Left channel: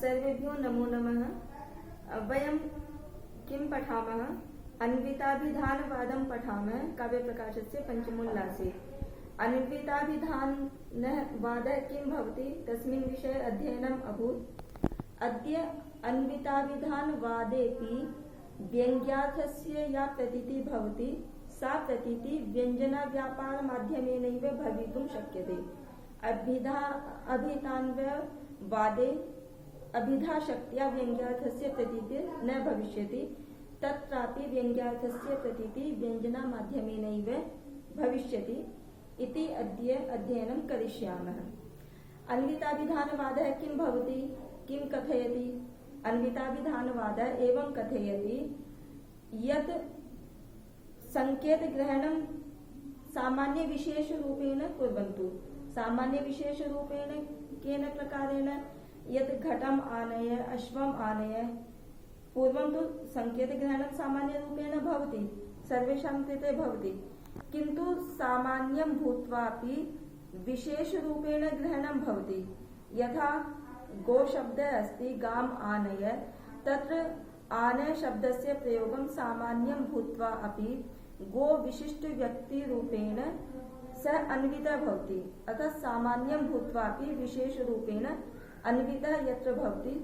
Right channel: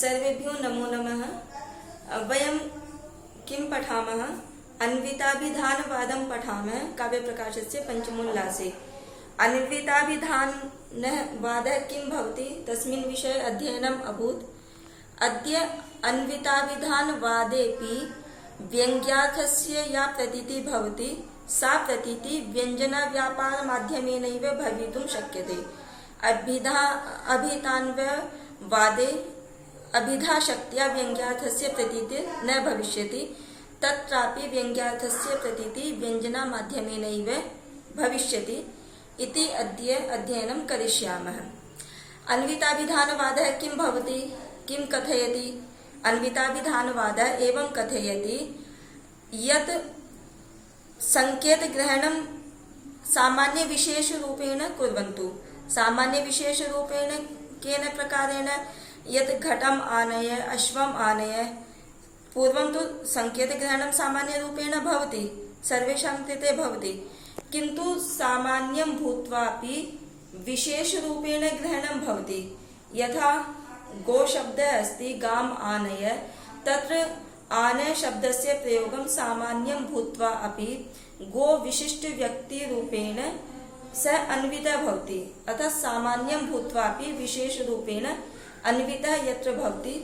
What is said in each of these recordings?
सर्वेभ्यो नमो नमः। वयं किं पठामः? अन्विताभिधानवादं पठामः काव्यप्रकाशस्य पञ्चमोल्लासे। अन्विताभिधानवादः किं भवति तस्मिन् विषये अध्ययनम् अभूत्। अद्य अन्विताभिधानवादेऽपि व्यङ्ग्यार्थस्य या प्रतीतिः भवति सा प्रतीतिः व्यञ्जनव्यापारमाध्यमेनैव भवितुं शक्यते। अभिधानवादे अभिधाशक्त्या व्यङ्ग्यार्थस्य प्रतीतिः न भविष्यति, तत्रापि व्यङ्ग्यार्थस्य प्रतीतिः व्यञ्जनमाध्यमेनैव भविष्यति इति अद्य अध्ययनं करिष्यामः। अन्विताभिधानवादः किं भवति, किं कथयति? अन्विताभिधानवादः एवं कथयति यत् संकेतग्रहणं सामान्यविशेषरूपेण कुर्वन्तु। सामान्यविशेषरूपेण केन प्रकारेण? यत् घटम् आनय, अश्वम् आनय। पूर्वं तु संकेतग्रहणं सामान्यरूपेण भवति, सर्वेषां कृते भवति, किन्तु सामान्यं भूत्वापि विशेषरूपेण ग्रहणं भवति। यथा गोशब्दः अस्ति, गाम् आनय, तत्र आनय शब्दस्य प्रयोगं सामान्यं भूत्वा अपि गो विशिष्ट व्यक्तिरूपेण सः अन्वितः भवति। अतः सामान्यं भूत्वापि विशेषरूपेण अन्वितः यत्र भवति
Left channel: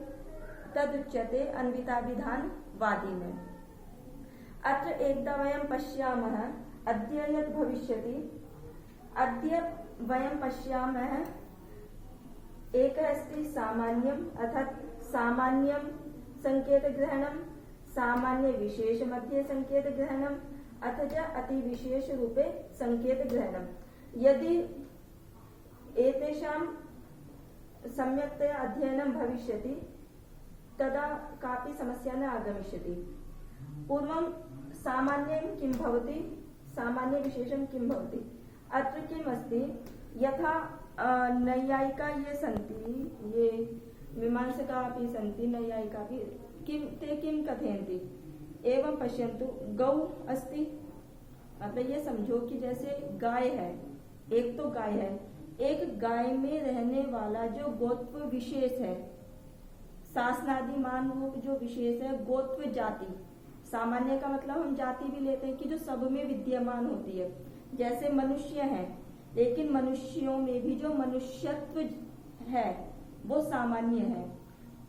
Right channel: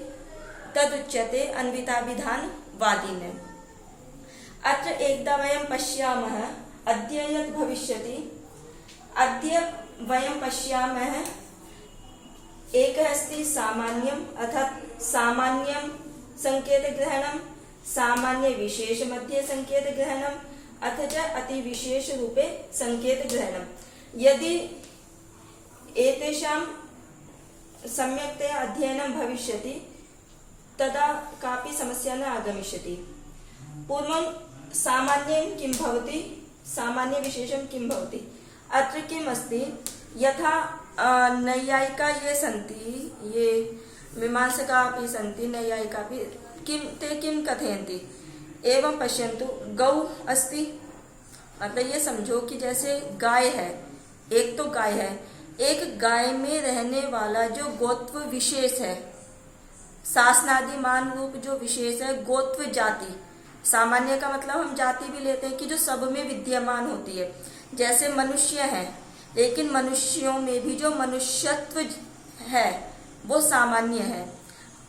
तदुच्यते अन्विताभिधानवादिनः। अत्र एकदा वयं पश्यामः अद्य यत् भविष्यति। अद्य वयं पश्यामः एकः अस्ति सामान्यम्, अर्थात् सामान्यं संकेतग्रहणं, सामान्यविशेषमध्ये संकेतग्रहणम्, अथ च अतिविशेषरूपे संकेतग्रहणं। यदि एतेषां सम्यक्तया अध्ययनं भविष्यति तदा कापि समस्या न आगमिष्यति। पूर्वं सामान्यं किं भवति, सामान्यविशेषं किं भवति? अत्र किम् अस्ति, यथा नैयायिका ये सन्ति, ये मीमांसका अपि सन्ति, नैयायिका अपि ते किं कथयन्ति? एवं पश्यन्तु, गौ अस्ति, मतलब ये समझो कि जैसे गाय है, एक तो गाय है, एक गाय में रहने वाला जो गोत्व विशेष है, शासनादिमान रूप जो विशेष है, गोत्व जाति। सामान्य का मतलब हम जाति भी लेते हैं कि जो सब में विद्यमान होती है। जैसे मनुष्य है, लेकिन मनुष्यों में भी जो मनुष्यत्व है वो सामान्य है।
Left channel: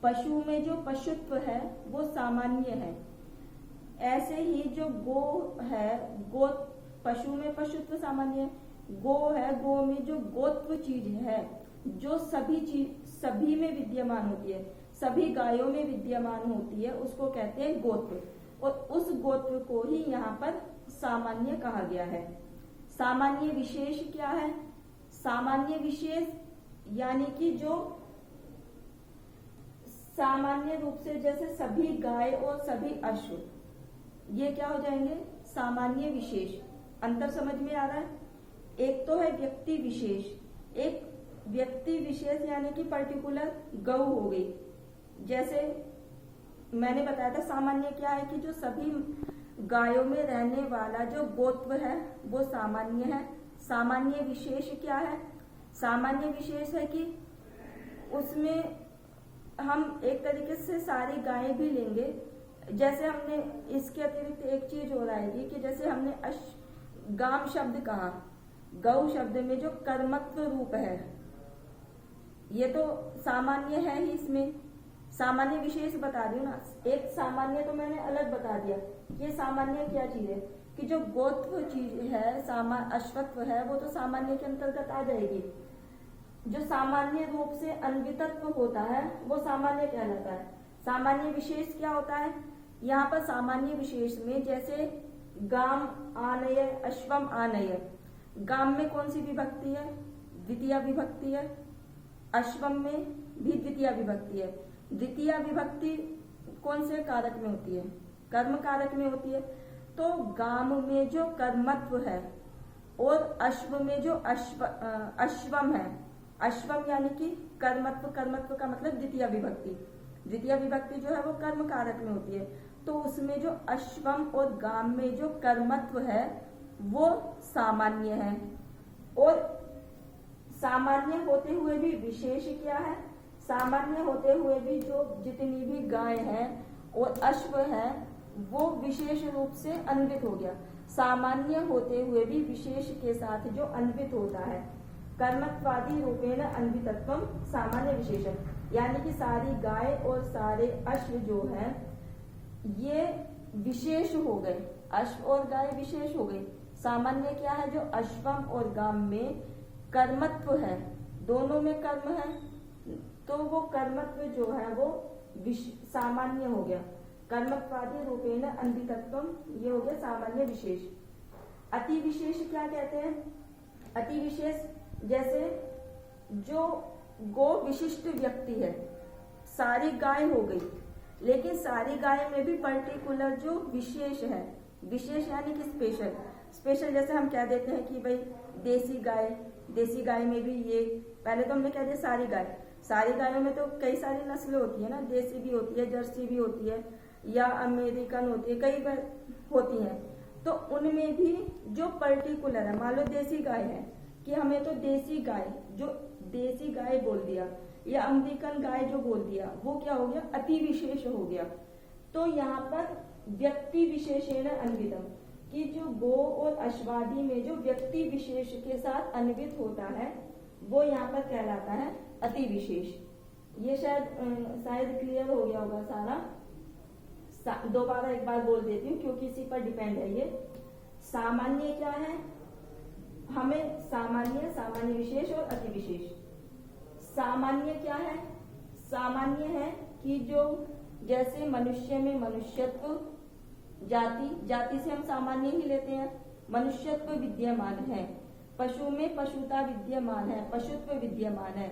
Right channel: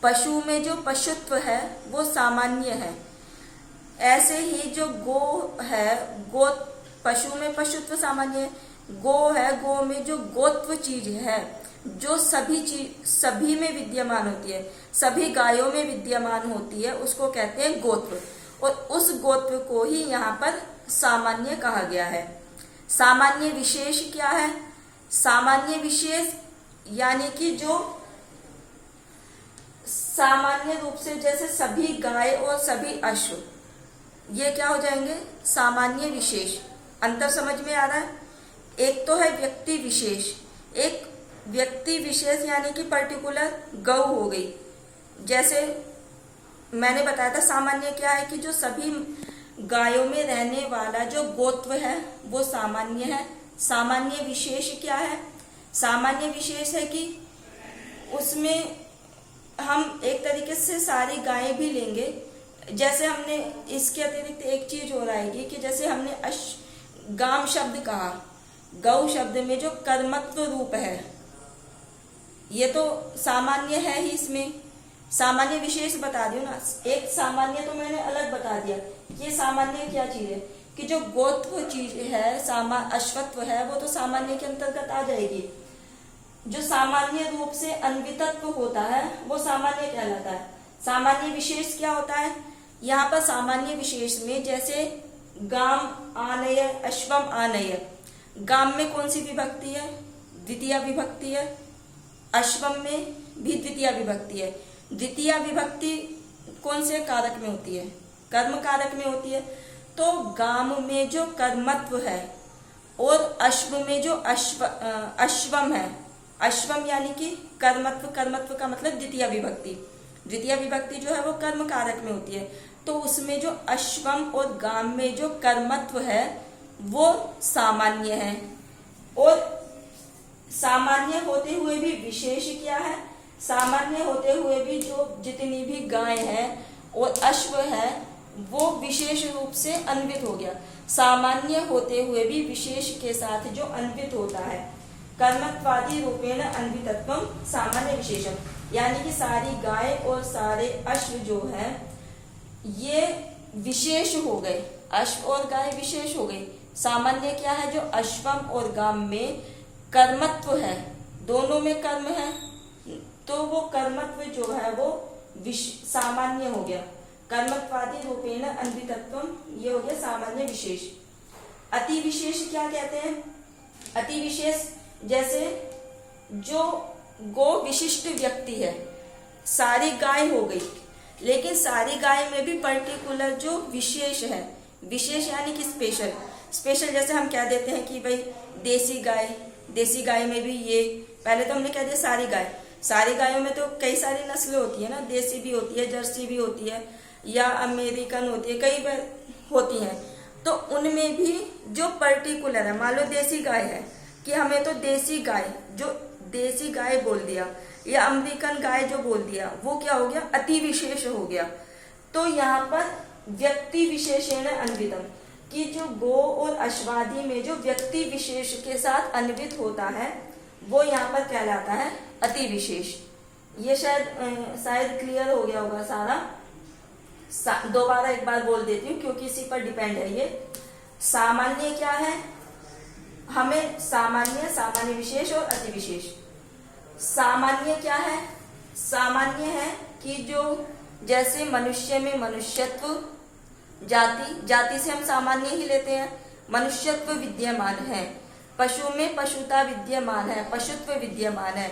पशु में जो पशुत्व है वो सामान्य है। ऐसे ही जो गो है, गो पशु में पशुत्व सामान्य है। गो है, गो में जो गोत्व चीज है जो सभी में विद्यमान होती है, सभी गायों में विद्यमान होती है, उसको कहते हैं गोत्व। और उस गोत्व को ही यहाँ पर सामान्य कहा गया है। सामान्य विशेष क्या है? सामान्य विशेष यानी कि जो सामान्य रूप से, जैसे सभी गाय और सभी अश्व, ये क्या हो जाएंगे? सामान्य विशेष। अंतर समझ में आ रहा है? एक तो है व्यक्ति विशेष, एक व्यक्ति विशेष यानी कि पर्टिकुलर गौ हो गई। जैसे मैंने बताया था सामान्य क्या है कि जो सभी गायों में रहने वाला जो गोत्व है वो सामान्य है। सामान्य विशेष क्या है? सामान्य विशेष है कि उसमें हम एक तरीके से सारी गायें भी लेंगे। जैसे हमने इसके अतिरिक्त एक चीज और आएगी कि जैसे हमने गाम शब्द कहा, गौ शब्द में जो कर्मत्व रूप है ये तो सामान्य है ही। इसमें सामान्य विशेष बता दियो ना। एक सामान्य तो मैंने अलग बता दिया। ये सामान्य क्या चीज है कि जो गोत्व चीज है, अश्वत्व है, वो तो सामान्य के अंतर्गत आ जाएगी। जो सामान्य रूप से अन्वितत्व होता है वो सामान्य कहलाता है। सामान्य विशेष क्या होता है? यहाँ पर सामान्य विशेष में जैसे गाम आनय, अश्वम आनय। गाम में कौन सी विभक्ति है? द्वितीय विभक्ति है। अश्वम में भी द्वितीय विभक्ति है। द्वितीय विभक्ति कौन से कारक में होती है? कर्म कारक में होती है। तो गाम में जो कर्मत्व है और अश्व में जो अश्वम है, अश्वम यानी कि कर्मत्व, कर्मत्व का मतलब द्वितीय विभक्ति। द्वितीय विभक्ति जो है वो कर्म कारक में होती है। तो उसमें जो अश्वम और गाम में जो कर्मत्व है वो सामान्य है। और सामान्य होते हुए भी विशेष क्या है? सामान्य होते हुए भी जो जितनी भी गाय है और अश्व है वो विशेष रूप से अन्वित हो गया। सामान्य होते हुए भी विशेष के साथ जो अन्वित होता है, कर्मत्वादि रूपेण अन्वितत्वम सामान्य विशेषम, यानी कि सारी गाय और सारे अश्व जो है ये विशेष हो गए, अश्व और गाय विशेष हो गई। सामान्य क्या है, जो अश्वम और गाम में कर्मत्व है, दोनों में कर्म है, तो वो कर्मत्व जो है वो सामान्य हो गया। कर्मत्वादि रूपेण अन्वितत्वम, ये हो गया सामान्य विशेष। अति विशेष क्या कहते हैं, अति विशेष जैसे जो गो विशिष्ट व्यक्ति है, सारी गाय हो गई लेकिन सारी गाय में भी पर्टिकुलर जो विशेष है, विशेष यानी कि स्पेशल, स्पेशल जैसे हम कह देते हैं कि भाई देसी गाय, देसी गाय में भी ये, पहले तो हमने कह दिया सारी गाय, सारी गायों में तो कई सारी नस्लें होती है ना, देसी भी होती है, जर्सी भी होती है, या अमेरिकन होती है, कई बार होती हैं, तो उनमें भी जो पर्टिकुलर है, मान लो देसी गाय है कि हमें तो देसी गाय, जो देसी गाय बोल दिया या अमेरिकन गाय जो बोल दिया, वो क्या हो गया, अति विशेष हो गया। तो यहाँ पर व्यक्ति विशेषेण अन्वितम, कि जो गो और अश्वादि में जो व्यक्ति विशेष के साथ अन्वित होता है वो यहाँ पर कहलाता है अति विशेष। ये शायद क्लियर हो गया होगा सारा। दोबारा एक बार बोल देती हूँ क्योंकि इसी पर डिपेंड है ये। सामान्य क्या है, हमें सामान्य, सामान्य विशेष और अति विशेष। सामान्य क्या है, सामान्य है कि जो जैसे मनुष्य में मनुष्यत्व, जाति, जाति से हम सामान्य ही लेते हैं, मनुष्यत्व विद्यमान है, पशु में पशुता विद्यमान है, पशुत्व विद्यमान है,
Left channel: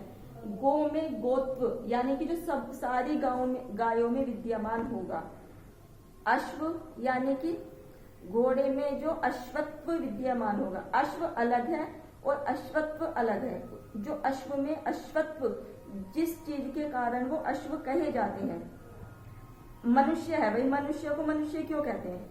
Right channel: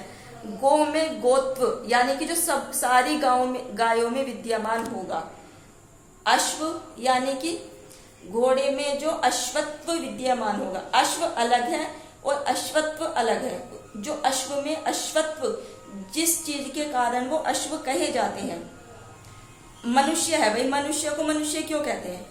गो में गोत्व यानी कि जो सब सारी गायों में विद्यमान होगा, अश्व यानी कि घोड़े में जो अश्वत्व विद्यमान होगा, अश्व अलग है और अश्वत्व अलग है। जो अश्व में अश्वत्व, जिस चीज के कारण वो अश्व कहे जाते हैं, मनुष्य है, भाई मनुष्य को मनुष्य क्यों कहते हैं,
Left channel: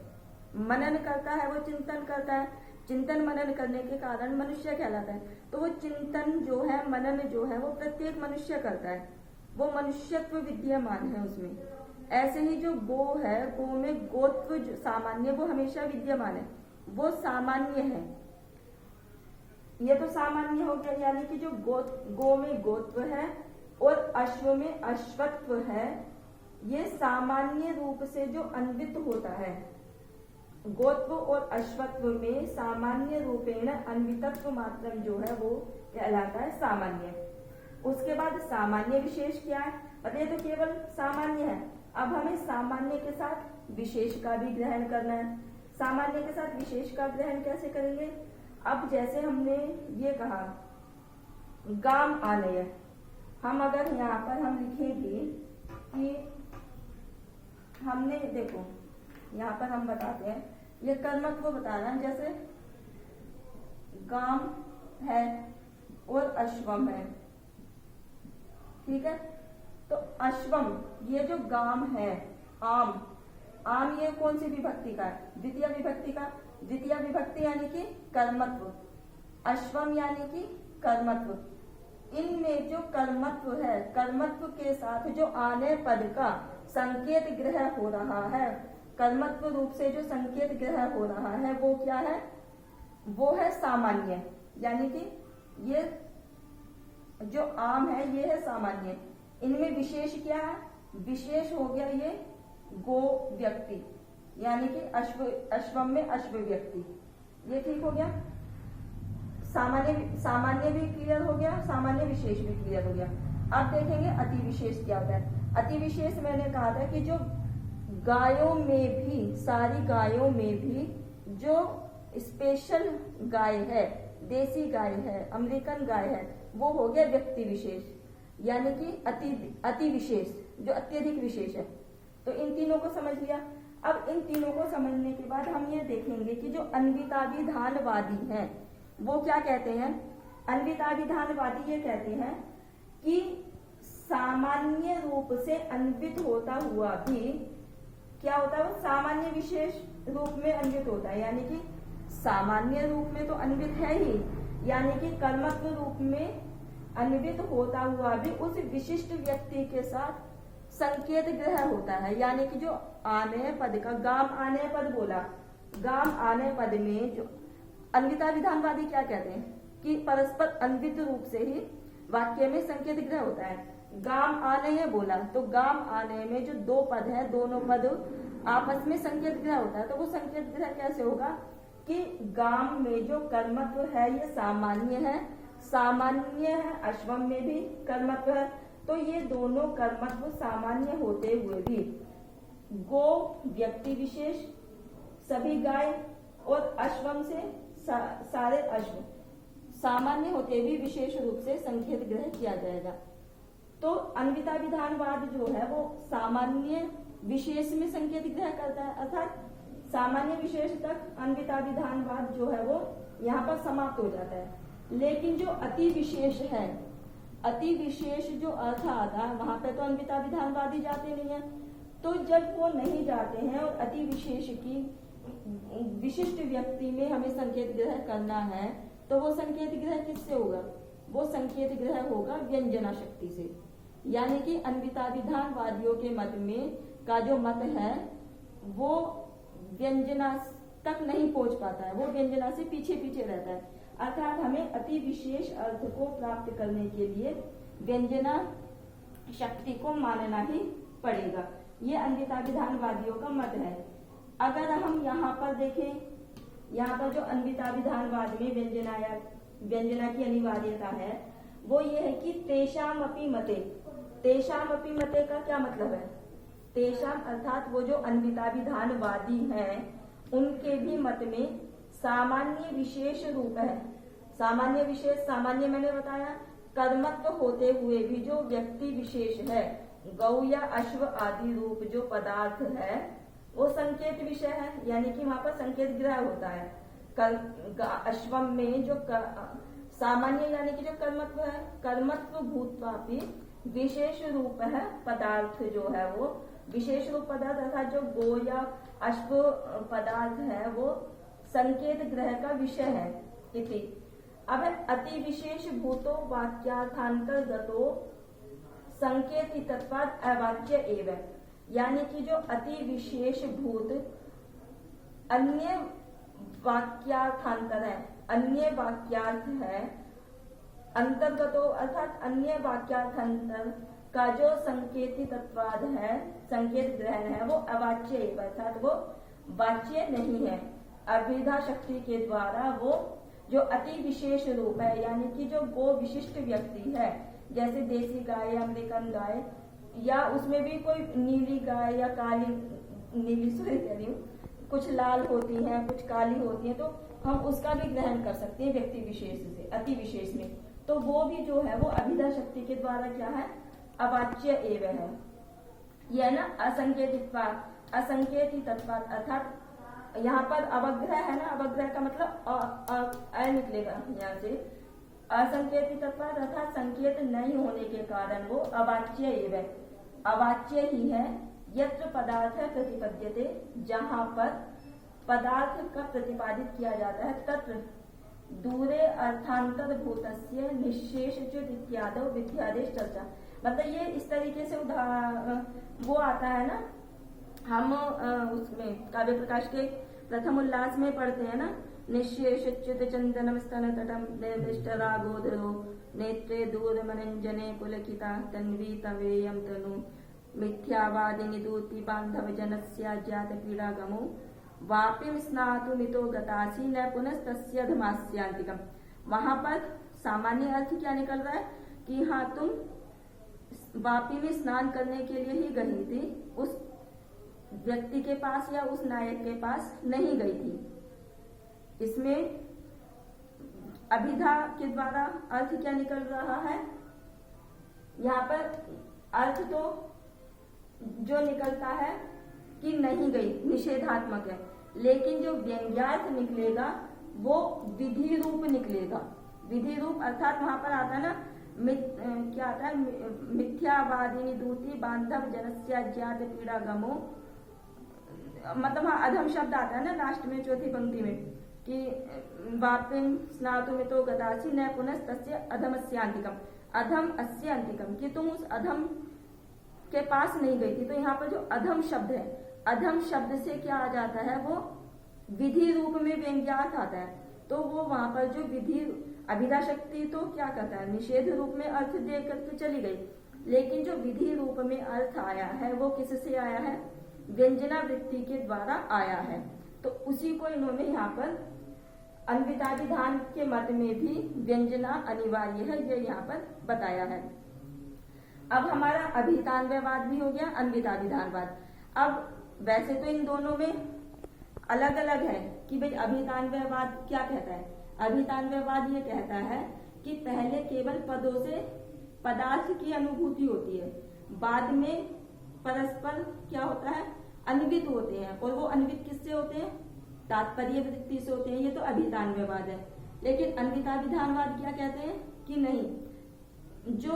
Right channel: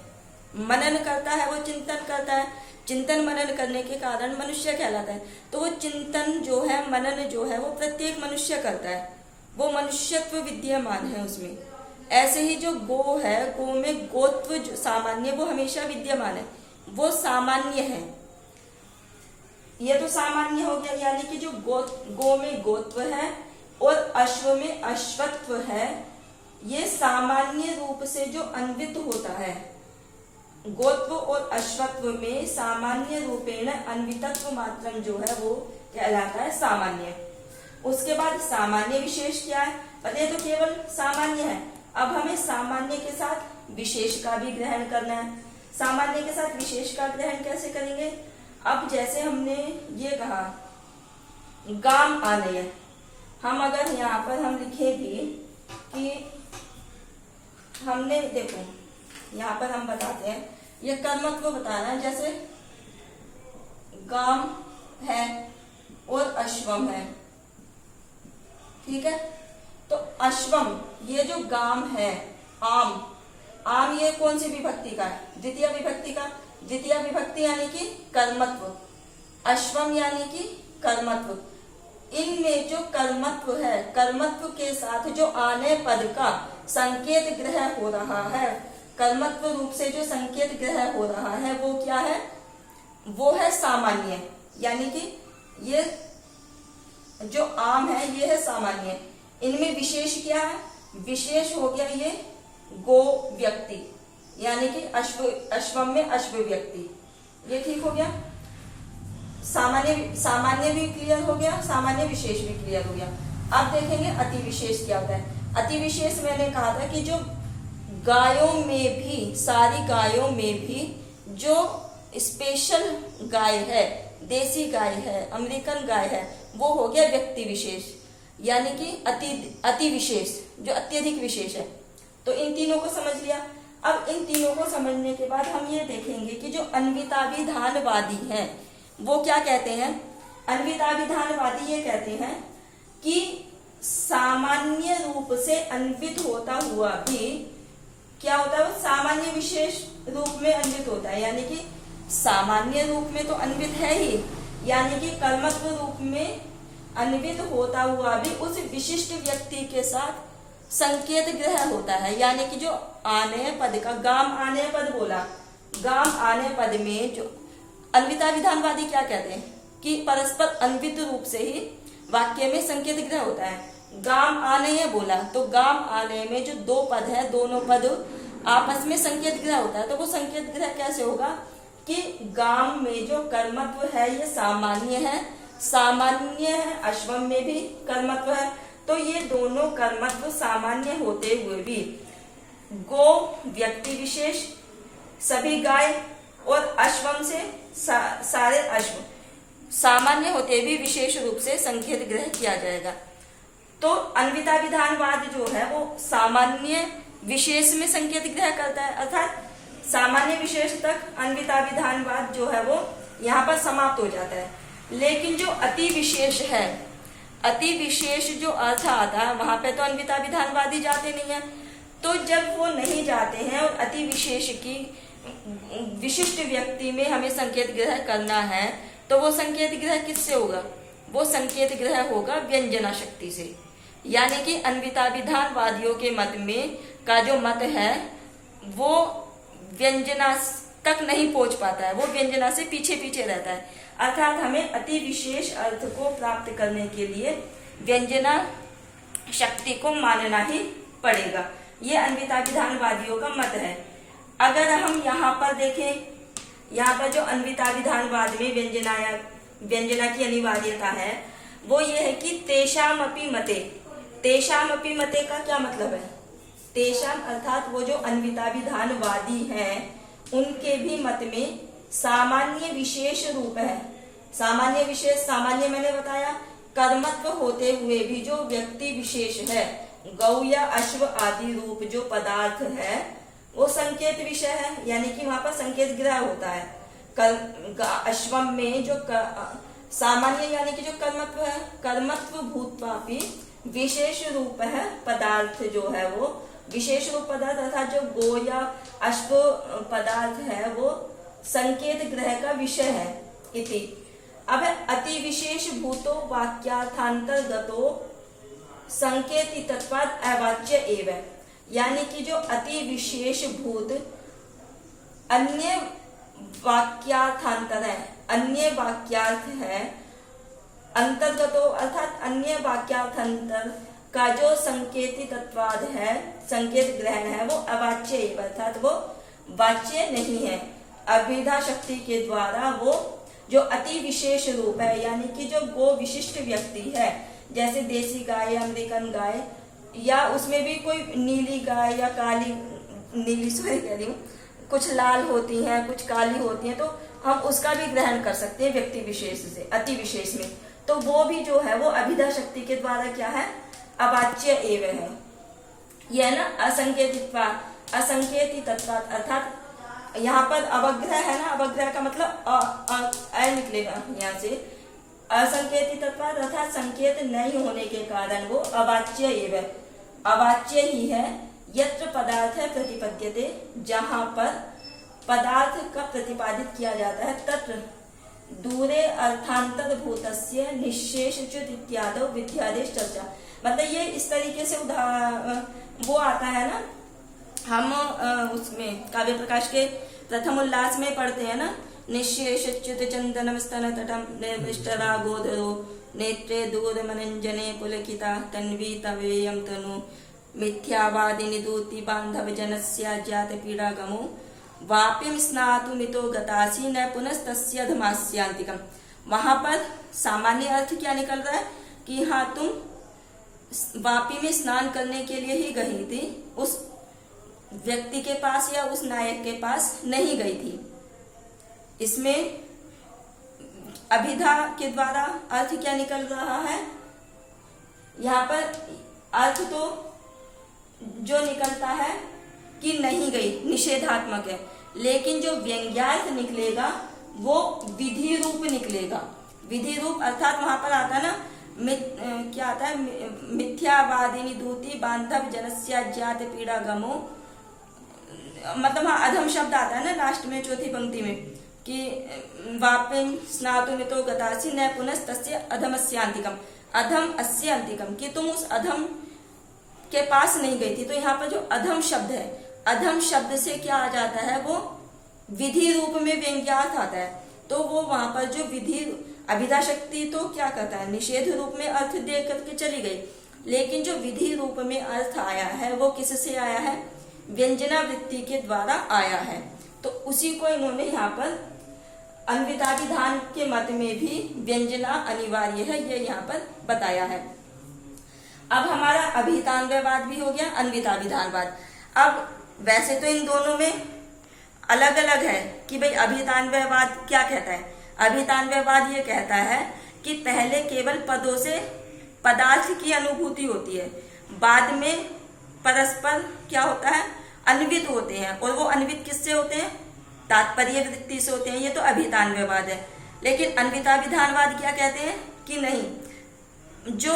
मनन करता है, वो चिंतन करता है, चिंतन मनन करने के कारण मनुष्य कहलाता है। तो वो चिंतन जो है, मनन जो है वो प्रत्येक मनुष्य करता है, वो मनुष्यत्व विद्यमान है उसमें। ऐसे ही जो गो है, गो में गोत्व जो सामान्य वो हमेशा विद्यमान है, वो सामान्य है। ये तो सामान्य हो गया, यानी कि जो गो में गोत्व है और अश्व में अश्वत्व है, ये सामान्य रूप से जो अन्वित होता है, गोत्व और अश्वत्व में सामान्य रूपेण अन्वितत्व मात्रम जो है वो कहलाता है सामान्य। उसके बाद सामान्य विशेष क्या है, पहले तो केवल सामान्य है, अब हमें सामान्य के साथ विशेष का भी ग्रहण करना है। सामान्य के साथ विशेष का ग्रहण कैसे करेंगे, अब जैसे हमने ये कहा गाम आलय, हम अगर यहाँ पर हम लिखेंगे कि हमने, देखो यहाँ पर हम बताते हैं, ये कर्मत्व बता रहे हैं, जैसे गाम है और अश्वम है, ठीक है। तो अश्वम, ये जो गाम है, आम, आम ये कौन सी विभक्ति का है, द्वितीय विभक्ति का, द्वितीय विभक्ति यानी कि कर्मत्व, अश्वम यानी कि कर्मत्व। इनमें जो कर्मत्व है, कर्मत्व के साथ जो आने पद का संकेत ग्रह हो रहा है, कर्मत्व रूप से जो संकेत ग्रह हो रहा है वो क्या है, वो है सामान्य, यानी कि ये जो आम है ये है सामान्य। इनमें विशेष क्या है, विशेष हो गया ये गो व्यक्ति, यानी कि अश्वम में अश्व व्यक्ति, ये ठीक हो गया। सामान्य भी क्लियर हो गया, सामान्य विशेष भी क्लियर हो गया। अब देखेंगे अति विशेष क्या होता है। अति विशेष मैंने कहा था कि जो गायों में भी, सारी गायों में भी जो स्पेशल गाय है, देसी गाय है, अमेरिकन गाय है, वो हो गया व्यक्ति विशेष, यानी कि अति विशेष, जो अत्यधिक विशेष है। तो इन तीनों को समझ लिया। अब इन तीनों को समझने के बाद हम ये देखेंगे कि जो अन्विताभिधानवादी हैं वो क्या कहते हैं। अन्विताभिधानवादी ये कहते हैं कि सामान्य रूप से अन्वित होता हुआ भी क्या होता है, वो सामान्य विशेष रूप में अन्वित होता है, यानी कि सामान्य रूप में तो अन्वित है ही, यानी कि कर्मत्व रूप में अन्वित होता हुआ भी उस विशिष्ट व्यक्ति के साथ संकेत ग्रह होता है। यानी कि जो आनेय पद का गाम आनेय पद बोला, गाम आनेय पद में जो अन्विता विधानवादी क्या कहते हैं कि परस्पर अन्वित रूप से ही वाक्य में संकेत ग्रह होता है। गाम आनेय बोला तो गाम आनेय में जो दो पद है, दोनों पद आपस में संकेत ग्रह होता है। तो वो संकेत ग्रह कैसे होगा कि गाम में जो कर्मत्व है ये सामान्य है, सामान्य है, अश्वम में भी कर्मत्व है। तो ये दोनों कर्मत्व सामान्य होते हुए भी गो व्यक्ति विशेष, सभी गाय और अश्वम से सारे अश्व सामान्य होते भी विशेष रूप से संकेत ग्रह किया जाएगा। तो अन्विता विधानवाद जो है वो सामान्य विशेष में संकेत ग्रह करता है, अर्थात सामान्य विशेष तक अन्विता विधानवाद जो है वो यहाँ पर समाप्त हो जाता है। लेकिन जो अति विशेष है, अति विशेष जो अर्थ आता है वहां पे तो अन्विता विधानवादी जाते नहीं है। तो जब वो नहीं जाते हैं और अति विशेष की विशिष्ट व्यक्ति में हमें संकेत ग्रह करना है तो वो संकेत ग्रह किससे होगा? वो संकेत ग्रह होगा व्यंजना शक्ति से। यानी कि अन्विता विधानवादियों के मत में का जो मत है वो व्यंजना तक नहीं पहुंच पाता है, वो व्यंजना से पीछे पीछे रहता है। अर्थात हमें अति विशेष अर्थ को प्राप्त करने के लिए व्यंजना शक्ति को मानना ही पड़ेगा। ये अन्विता विधानवादियों का मत है। अगर हम यहाँ पर देखें, यहाँ पर जो अन्विता विधानवाद में व्यंजना की अनिवार्यता है वो ये है कि तेषाम अपि मते, तेषाम अपि मते का क्या मतलब है? तेषाम अर्थात वो जो अन्विता विधानवादी हैं उनके भी मत में सामान्य विशेष रूप है। सामान्य विशेष, सामान्य मैंने बताया कर्मत्व होते हुए भी जो व्यक्ति विशेष है, गौ या अश्व आदि रूप जो पदार्थ है वो संकेत विषय है। यानी कि वहां पर संकेत ग्रह होता है। अश्वम में जो सामान्य यानी कि जो कर्मत्व है, कर्मत्व भूतवापि विशेष रूप है पदार्थ जो है वो विशेष रूप पदार्थ अर्थात जो गो या अश्व पदार्थ है वो संकेत ग्रह का विषय है इति। अब अति विशेष भूतो वाक्यार्थांतर्गतो संकेति तत्वाद अवाच्य एवं। यानी कि जो अति विशेष भूत अन्य वाक्यार्थांतर है, अन्य वाक्यार्थ है, अंतर्गतो अर्थात अन्य वाक्यार्थांतर का जो संकेति तत्वाद है, संकेत ग्रहण है वो अवाच्य एवं अर्थात वो वाच्य नहीं है। अभिधा शक्ति के द्वारा वो जो अति विशेष रूप है यानी कि जो गो विशिष्ट व्यक्ति है, जैसे देसी गाय, अमेरिकन गाय या उसमें भी कोई नीली गाय या काली, नीली सॉरी कह रही हूँ, कुछ लाल होती हैं कुछ काली होती हैं, तो हम उसका भी ग्रहण कर सकते हैं व्यक्ति विशेष से, अति विशेष में। तो वो भी जो है वो अभिधा शक्ति के द्वारा क्या है? अवाच्य एवं है। यह ना असंकेतित्वात्, असंकेति तत्वात् अर्थात यहाँ पर अवग्रह है ना, अवग्रह का मतलब अ निकलेगा यहाँ से। असंकेति तत्वात् अर्थात संकेत नहीं होने के कारण वो अवाच्य एवं, अवाच्य ही है। यत्र पदार्थ है प्रतिपद्यते, जहाँ पर पदार्थ का प्रतिपादित किया जाता है, तत्र दूरे अर्थांतर भूतस्य निशेषच्युत इत्यादि विध्यादेश चर्चा। मतलब ये इस तरीके से वो आता है ना, हम उसमें काव्य प्रकाश के प्रथम उल्लास में पढ़ते हैं ना, निशेषच्युत चंदनम स्तन तटम निर्दिष्टरा गोधरो नेत्रे दूर मनंजने पुलकिता तन्वी तवेयम तनु मिथ्यावादिनी दूति बांधव जनस्या जात पीड़ा गमो वापिम स्नातु मितो गतासी न पुनस्तस्य धमास्यांतिकम। वहां पर सामान्य अर्थ क्या निकल रहा है कि हाँ तुम वापी में स्नान करने के लिए ही गई थी, उस व्यक्ति के पास या उस नायक के पास नहीं गई थी। इसमें अभिधा के द्वारा अर्थ क्या निकल रहा है? यहाँ पर अर्थ तो जो निकलता है कि नहीं गई, निषेधात्मक है, लेकिन जो व्यंग्यार्थ निकलेगा वो विधि रूप निकलेगा। विधि रूप अर्थात वहां पर आता है ना, क्या आता है? मिथ्यावादिनी दूती बांधव जनस्या ज्ञात पीड़ा गमो, मतलब हाँ अधम शब्द आता है ना लास्ट में चौथी पंक्ति में कि वापिम स्नातु मितो गतासी न पुनस्तस्य अधमस्यांतिकम। अधम अस्य अंतिकम, कि तुम उस अधम के पास नहीं गई थी। तो यहाँ पर जो अधम शब्द है, अधम शब्द से क्या आ जाता है, वो विधि रूप में व्यंग्यार्थ आता है। तो वो वहां पर जो विधि अभिधा शक्ति तो क्या करता है, निषेध रूप में अर्थ दे करके चली गई, लेकिन जो विधि रूप में अर्थ आया है वो किससे आया है, व्यंजना वृत्ति के द्वारा आया है। तो उसी को इन्होंने यहाँ पर अन्विताभिधान के मत में भी व्यंजना अनिवार्य है, ये यहाँ पर बताया है। अब हमारा अभिहितान्वयवाद भी हो गया, अन्विताभिधानवाद। अब वैसे तो इन दोनों में अलग अलग है कि भाई अभिहितान्वयवाद क्या कहता है। अभिहितान्वयवाद ये कहता है कि पहले केवल पदों से पदार्थ की अनुभूति होती है, बाद में परस्पर क्या होता है, अन्वित होते हैं। और वो अन्वित किससे होते हैं, तात्पर्य वृत्ति से होते हैं। ये तो अभिहितान्वयवाद है। लेकिन अन्विताभिधानवाद क्या कहते हैं कि नहीं, जो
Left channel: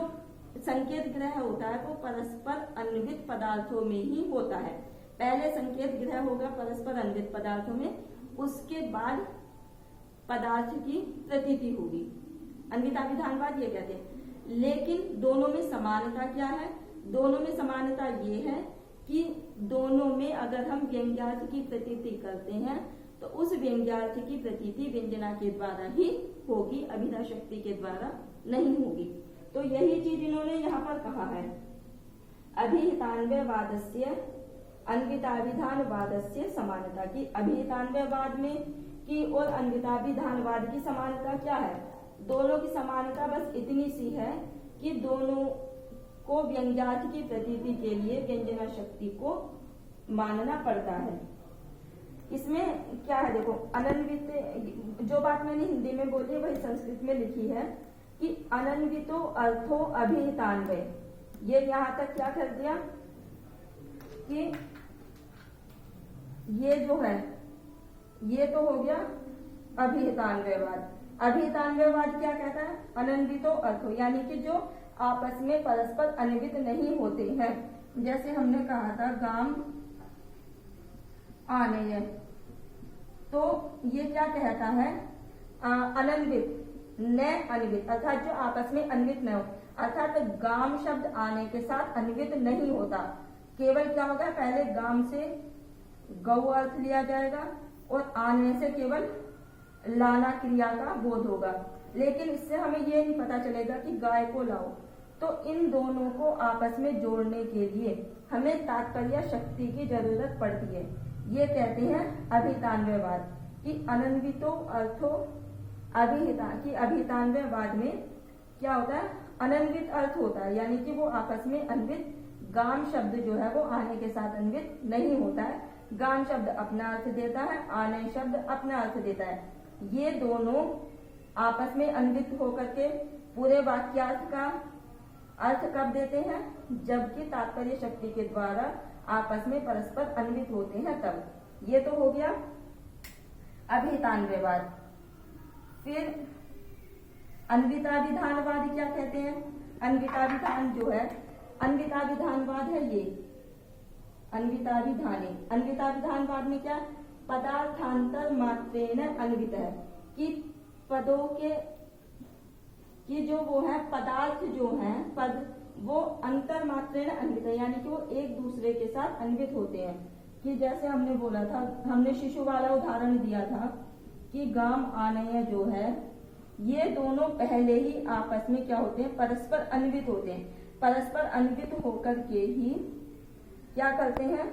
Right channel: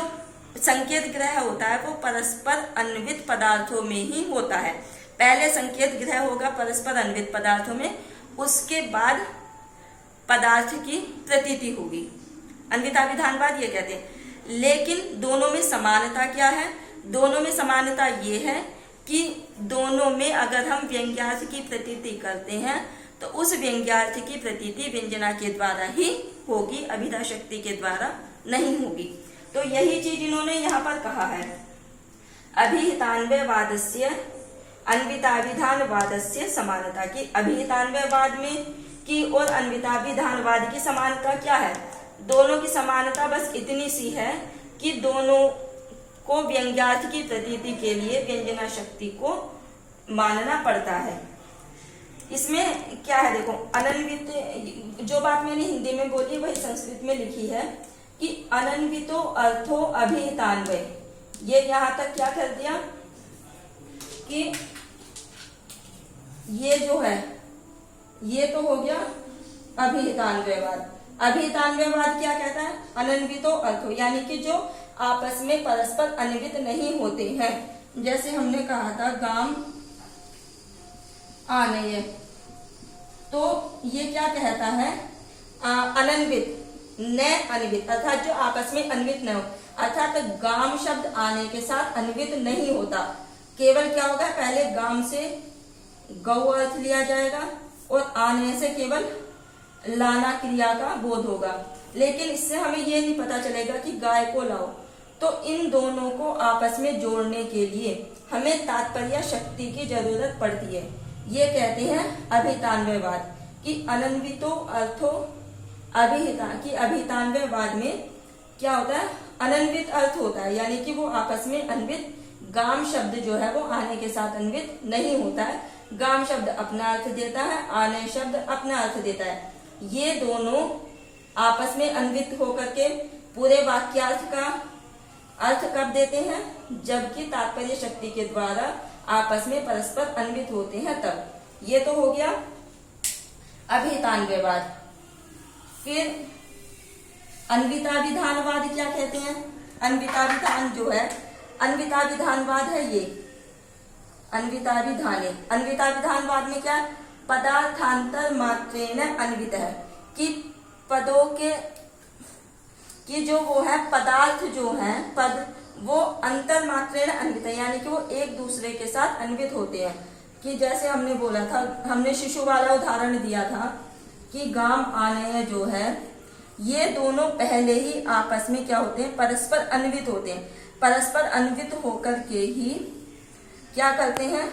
संकेत ग्रह होता है वो परस्पर अन्वित पदार्थों में ही होता है। पहले संकेत ग्रह होगा परस्पर अन्वित पदार्थों में, उसके बाद पदार्थ की प्रतीति होगी। अन्विताभिधानवाद ये कहते हैं। लेकिन दोनों में समानता क्या है, दोनों में समानता ये है कि दोनों में अगर हम व्यंग्यार्थ की प्रतीति करते हैं तो उस व्यंग्यार्थ की प्रतीति व्यंजना के द्वारा ही होगी, अभिधा शक्ति के द्वारा नहीं होगी। तो यही चीज इन्होंने यहाँ पर कहा है, अभिहितान्वयवादस्य अन्विताभिधानवादस्य समानता की। अभिहितान्वयवाद में की और अन्विताभिधानवाद की समानता क्या है, दोनों की समानता बस इतनी सी है कि दोनों को व्यंग्यार्थ की प्रतीति के लिए व्यंजना शक्ति को मानना पड़ता है। इसमें क्या है देखो, अनन्वित, जो बात मैंने हिंदी में बोली वही संस्कृत में लिखी है कि अनन्वितो अर्थो अभिहितान्वय। ये यहां तक क्या कर दिया कि ये जो है ये तो हो गया अभिहितान्वयवाद। अभिहितान्वयवाद क्या कहता है, अनन्वितो अर्थो, यानी कि जो आपस में परस्पर अन्वित नहीं होते हैं। जैसे हमने कहा था गाम आनय, तो ये क्या कहता है, अनन्वित न अन्वित, अर्थात जो आपस में अन्वित न हो। अर्थात गाम शब्द आने के साथ अन्वित नहीं होता, केवल क्या होगा, पहले गाम से गौ अर्थ लिया जाएगा और आने से केवल लाना क्रिया का बोध होगा। लेकिन इससे हमें ये नहीं पता चलेगा कि गाय को लाओ। तो इन दोनों को आपस में जोड़ने के लिए हमें तात्पर्य शक्ति की जरूरत पड़ती है। ये कहते हैं अभिहितान्वयवाद कि अनन्वितो अर्थो अभिहिता, कि अभिहितान्वयवाद में क्या होता है, अनन्वित अर्थ होता है, यानी कि वो आपस में अन्वित, गाम शब्द जो है वो आने के साथ अन्वित नहीं होता है। गाम शब्द अपना अर्थ देता है, आने शब्द अपना अर्थ देता है। ये दोनों आपस में अन्वित होकर के पूरे वाक्यार्थ का अर्थ कब देते हैं, जबकि तात्पर्य शक्ति के द्वारा आपस में परस्पर अन्वित होते हैं तब। ये तो हो गया अभिहितान्वयवाद। फिर अन्विताभिधानवाद क्या कहते हैं, अन्विताभिधान जो है, अन्विताभिधानवाद है ये अन्विताभिधाने। अन्विताभिधानवाद में क्या, पदार्थांतर मात्रेण अन्वित है, कि पदों के कि जो वो है पदार्थ जो है पद, वो अंतर मात्रेण अन्वित है, यानी कि वो एक दूसरे के साथ अन्वित होते हैं। कि जैसे हमने बोला था, हमने शिशु वाला उदाहरण दिया था कि गाम आनय जो है, ये दोनों पहले ही आपस में क्या होते हैं, परस्पर अन्वित होते हैं। परस्पर अन्वित होकर के ही क्या करते हैं,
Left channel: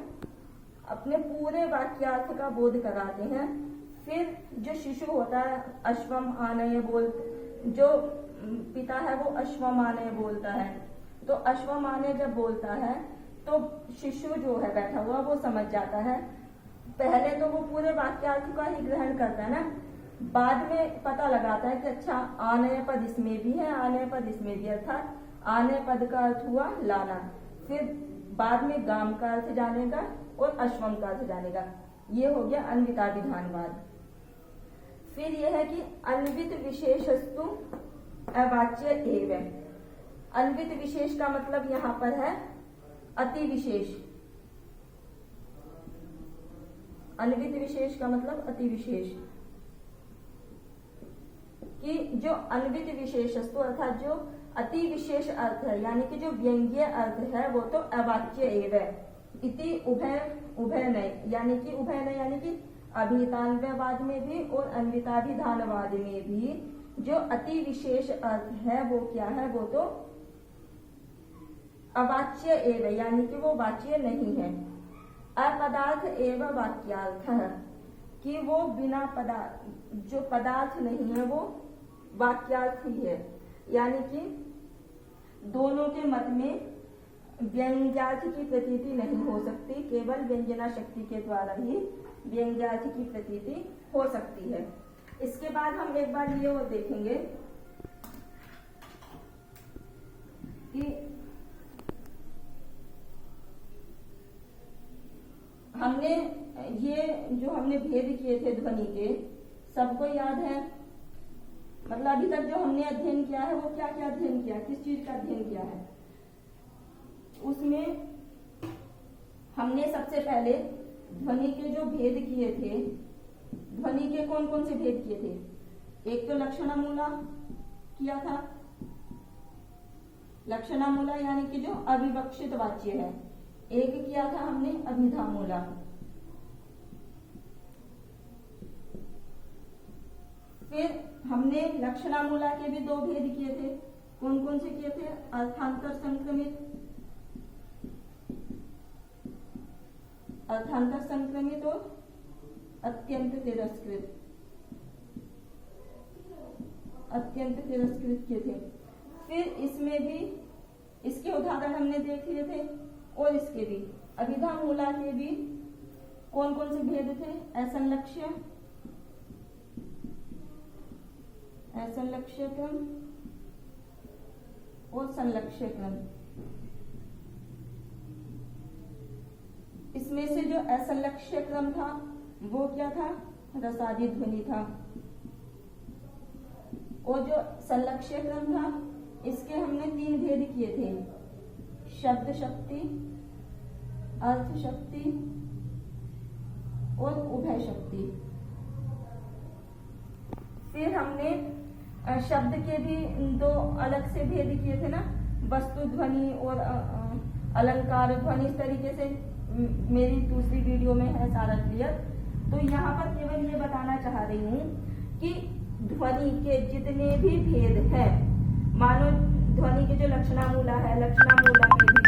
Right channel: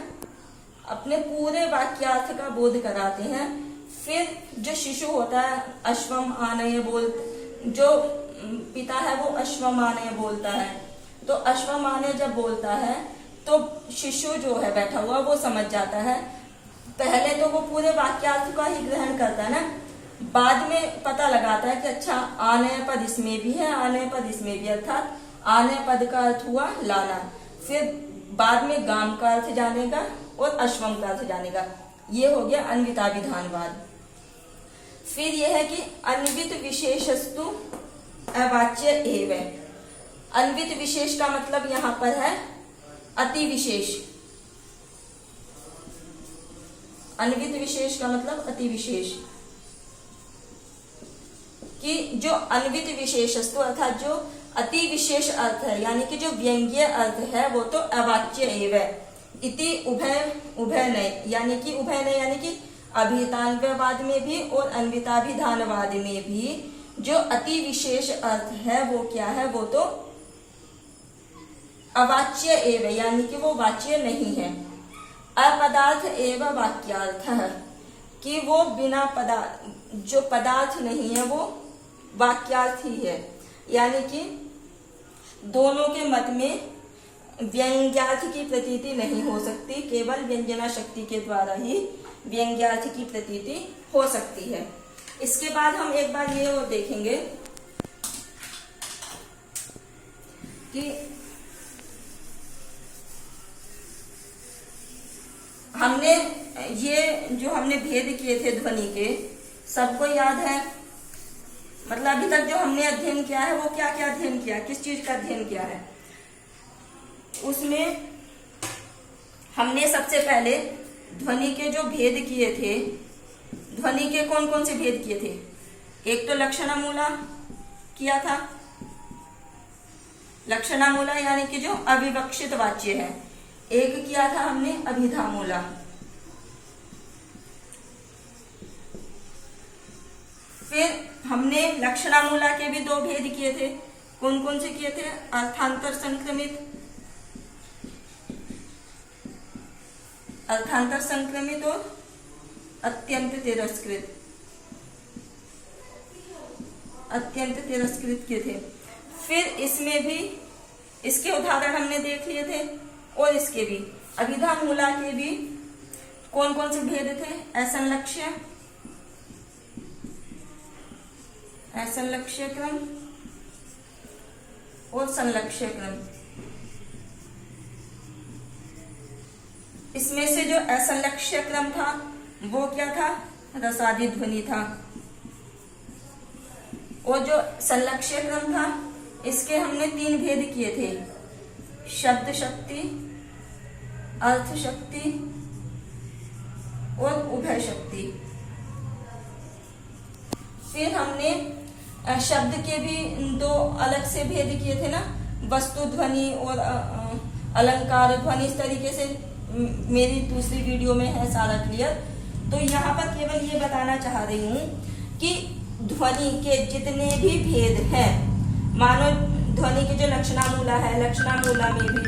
अपने पूरे वाक्यार्थ का बोध कराते हैं। फिर जो शिशु होता है अश्वम आनय बोल, जो पिता है वो अश्वम आनय बोलता है। तो अश्वम आनय जब बोलता है तो शिशु जो है बैठा हुआ वो समझ जाता है। पहले तो वो पूरे वाक्यार्थ का ही ग्रहण करता है ना, बाद में पता लगाता है कि अच्छा आनय पद इसमें भी है, आनय पद इसमें भी, अर्थात आनय पद का अर्थ हुआ लाना। फिर बाद में गाम का अर्थ जानेगा और अश्वम का अर्थ जानेगा। ये हो गया अन्विताभिधानवाद। फिर यह है कि अन्वित विशेषस्तु अवाच्य एवं। अन्वित विशेष का मतलब यहाँ पर है अति विशेष। अन्वित विशेष का मतलब अति विशेष, कि जो अन्वित विशेषस्तु अर्थात जो अति विशेष अर्थ है, यानी कि जो व्यंग्य अर्थ है, वो तो अवाच्य एवं इति उभय नय, यानी कि उभय नय यानी कि अभिधानवाद में भी और अन्विताभिधानवाद में भी जो अति विशेष अर्थ है वो क्या है, वो तो अवाच्य एवं, यानी कि वो वाच्य नहीं है। अपदार्थ एवं वाक्यार्थ है कि वो बिना पदार्थ, जो पदार्थ नहीं है वो वाक्यार्थ ही है, यानी कि दोनों के मत में व्यंग्यार्थ की प्रतीति नहीं हो सकती, केवल व्यंजना शक्ति के द्वारा ही व्यंग्यार्थ की प्रतीति हो सकती है। इसके बाद हम एक बार ये और देखेंगे कि हमने हमने भेद किए थे ध्वनि के, सबको याद है? मतलब अभी तक जो हमने अध्ययन किया है वो क्या क्या अध्ययन किया, किस चीज का अध्ययन किया है? उसमें हमने सबसे पहले ध्वनि के जो भेद किए थे, ध्वनि के कौन कौन से भेद किए थे? एक तो लक्षणामूला किया था, लक्षणामूला यानी कि जो अविवक्षित वाच्य है। एक किया था हमने अभिधामूला, फिर हमने लक्षणामूला के भी दो भेद किए थे। कौन कौन से किए थे? अर्थांतर संक्रमित, अर्थांतर संक्रमित और अत्यंत तिरस्कृत, अत्यंत तिरस्कृत के थे। फिर इसमें भी इसके उदाहरण हमने देख लिए थे, और इसके भी अभिधामूला के भी कौन कौन से भेद थे? असंलक्ष्य, असंलक्ष्य क्रम और संलक्ष्य क्रम। इसमें से जो असंलक्ष्य क्रम था वो क्या था? रसादि ध्वनि था। और जो संलक्ष्य क्रम था इसके हमने 3 भेद किए थे, शब्द शक्ति, अर्थ शक्ति और उभय शक्ति। फिर हमने शब्द के भी 2 अलग से भेद किए थे ना, वस्तु ध्वनि और अलंकार ध्वनि। इस तरीके से मेरी दूसरी वीडियो में है सारा क्लियर। तो यहाँ पर केवल ये बताना चाह रही हूँ कि ध्वनि के जितने भी भेद हैं, मानो ध्वनि के जो लक्षणामूला है, लक्षणामूला में भी